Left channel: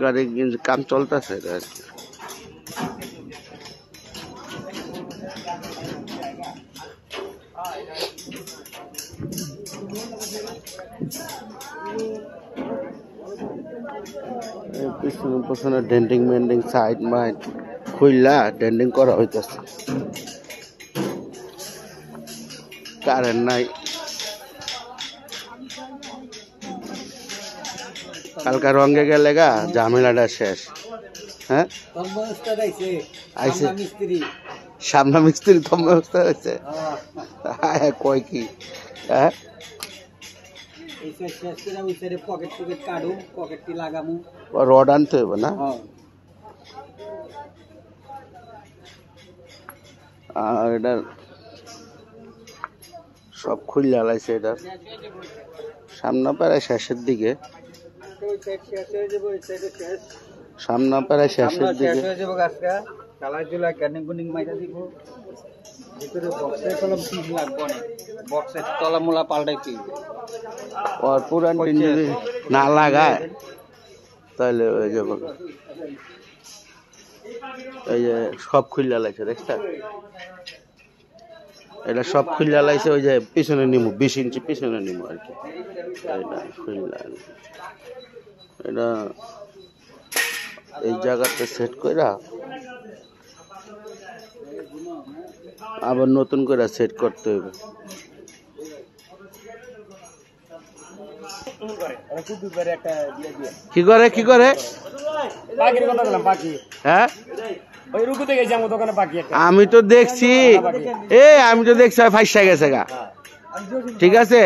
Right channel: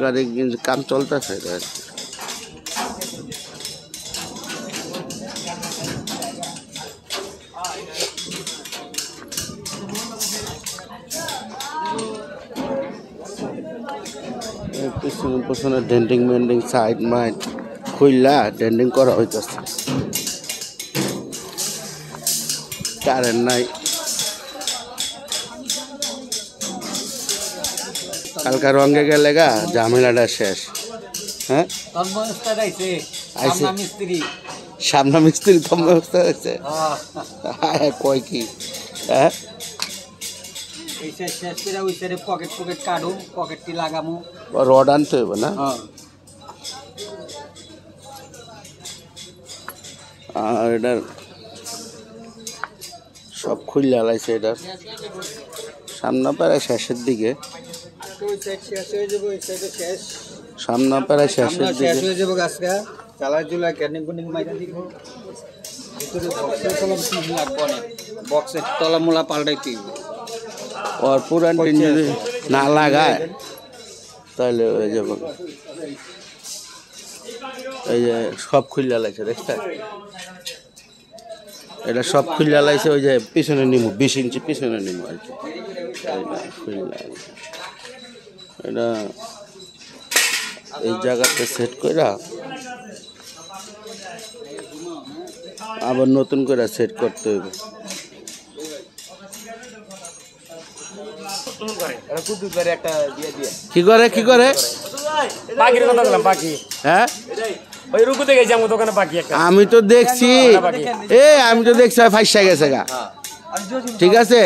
গাড়ি কাম চলতেছে পিছনে পিছনে ডেন্টিং মেন্ডিং সাইড মাইড খুললা ডেন্টিং করা হইতেছে কারেন্ট নাই কালকা রঙে গেলে গা ঝামেলাটা শেষ হ্যাঁ সামনা মিস্ত্রি তোম ব্যবস্থা হয়েছে কয় কি হ্যাঁ রড আনতে হইব না আর এটা সব খুললে লাইছে এটা সামনে প্রায় শেষের দিকে সামনে প্রায় শেষের দিকে বক্সের তলা মোলা পাল্টাইতে और पुरान যদি না লাগায় তাহলে হয়ে যাবে এই যে সব খুললা লাইছে দেখছ এটা সব খুললা লাইছে ওই যে পিছনে নিমু 20 ইঞ্চি পিছনে নিমু আর কি খুললা এটা এই জায়গাতে সেট কইরা আবার নতুন করে সেট করতে হবে কি করে কি করে পাখির কথা বললাম পাখি হ্যাঁ ওই রুকুতে গেছি আমার দোকানে পাখি একটা আমি তো দেখছি আমি তো দেখছি ফাইসা গেছে গা ঠিক আছে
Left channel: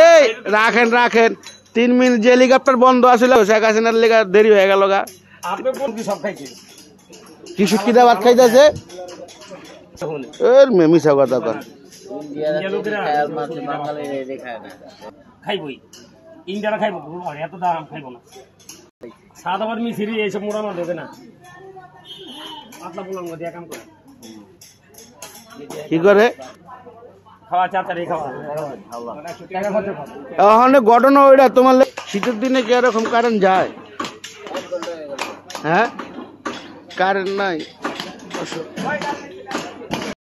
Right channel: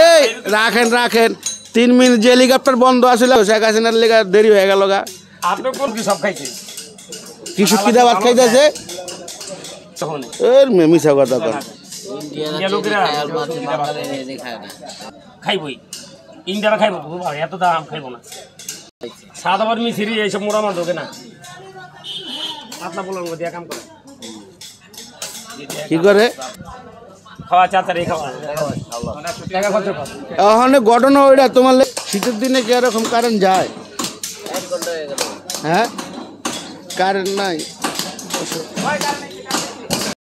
এই রাখেন রাখেন 3 মিনিট যে হেলিকপ্টার বন্ধ আছিল শেখ হাসিনার লেগে দেরি হয়ে গেল গা আপনি কোন কি সব খাইছেন কি শুকিদা ভাত খাইতেছে এর মিছা কথা কর খাইবই ইন্ডিয়ারা খাইব এত দাম খাইব না সাদা বার মিছিরি এইসব মোড়া মাছ হবে না আপনার বলুন দিয়ে কাম করে কি করে খাওয়া চাতারে খাওয়া এখন ঘটনা ওইটা তোমার শীতের দিনে কি এরকম কারেন্ট যায় হ্যাঁ কারেন্ট নাই